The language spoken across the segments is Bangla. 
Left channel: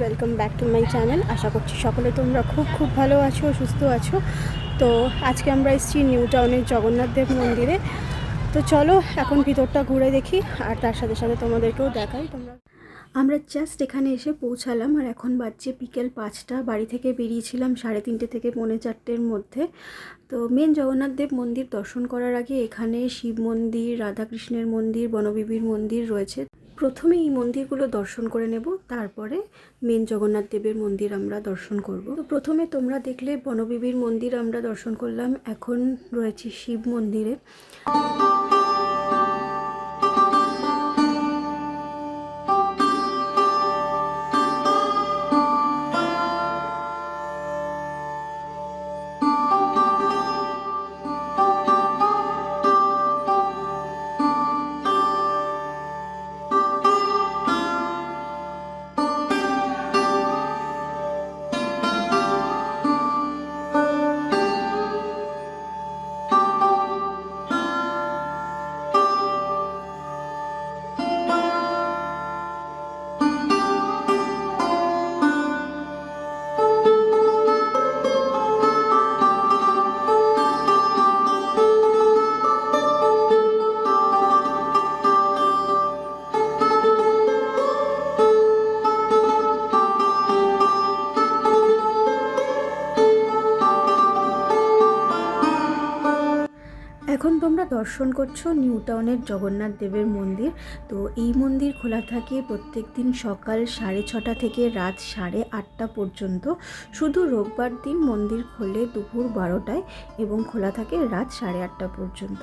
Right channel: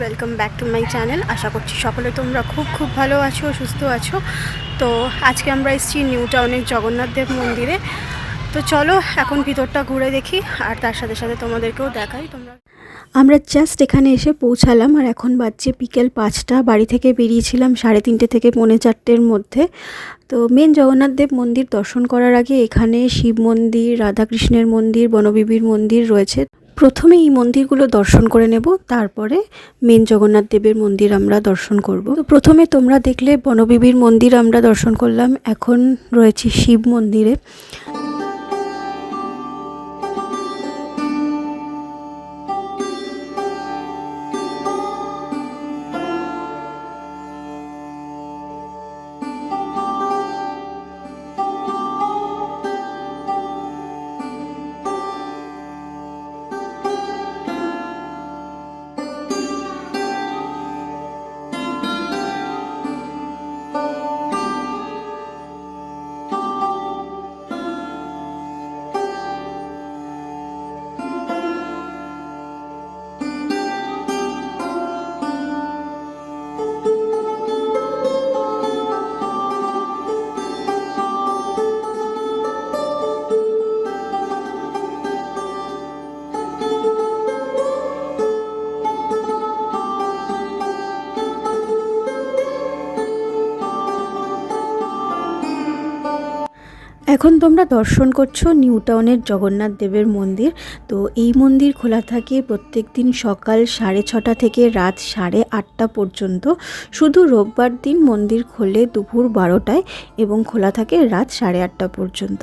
Welcome back to my channel. আশা করছি সকলে তোমরা খুব ভালো আছো, সুস্থ আছো। তো আজকে আমরা এসেছি নিউ টাউনের জগন্নাথ দেব মন্দিরে। তো চলো এখন ভিতরটা ঘুরে দেখি, আর তার সাথে সাথে তোমাদেরকেও দেখাই। আমরা জাস্ট এখানে এসে পৌঁছালাম, আর এখন বাজছে বিকেল 5টা। বাড়ি থেকে বেরিয়েছিলাম 3:30 থেকে 3:45-এর মধ্যে। তো মেন জগন্নাথ দেব মন্দির দর্শন করার আগে এখানে শিব মন্দির, রাধাকৃষ্ণের মন্দির, বনবিবির মন্দির রয়েছে। প্রথমে এই মন্দিরগুলো দর্শন করে নেব, তারপরে মেন জগন্নাথ দেবের মন্দির আমরা দর্শন করব। তো প্রথমে তোমরা দেখলে বনবিবির মন্দির আমরা দর্শন করলাম, এখন রয়েছে শিব মন্দিরে। এখন তোমরা দর্শন করছো নিউ টাউনের জগন্নাথ দেবের মন্দির। তো এই মন্দির খোলা থাকে প্রত্যেক দিন সকাল 6:30 থেকে রাত 8:30 পর্যন্ত। শুধু রোববার দিন মন্দির খোলে দুপুর 12টায় এবং খোলা থাকে রাত 8:30 পর্যন্ত।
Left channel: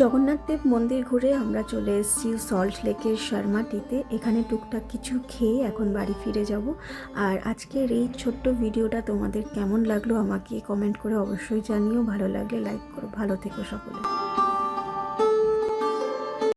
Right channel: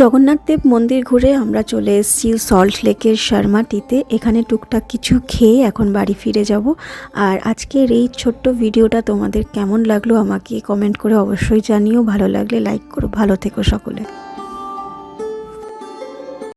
জগন্নাথ দেব মন্দির ঘুরে আমরা চলে এসেছি সল্ট লেকের শর্মাটিতে। এখানে টুকটাক কিছু খেয়ে এখন বাড়ি ফিরে যাব। আর আজকের এই ছোট্ট ভিডিওটা তোমাদের কেমন লাগলো আমাকে কমেন্ট করে অবশ্যই জানিও। ভালো লাগলে লাইক করো। ভালো থেকো সকলে।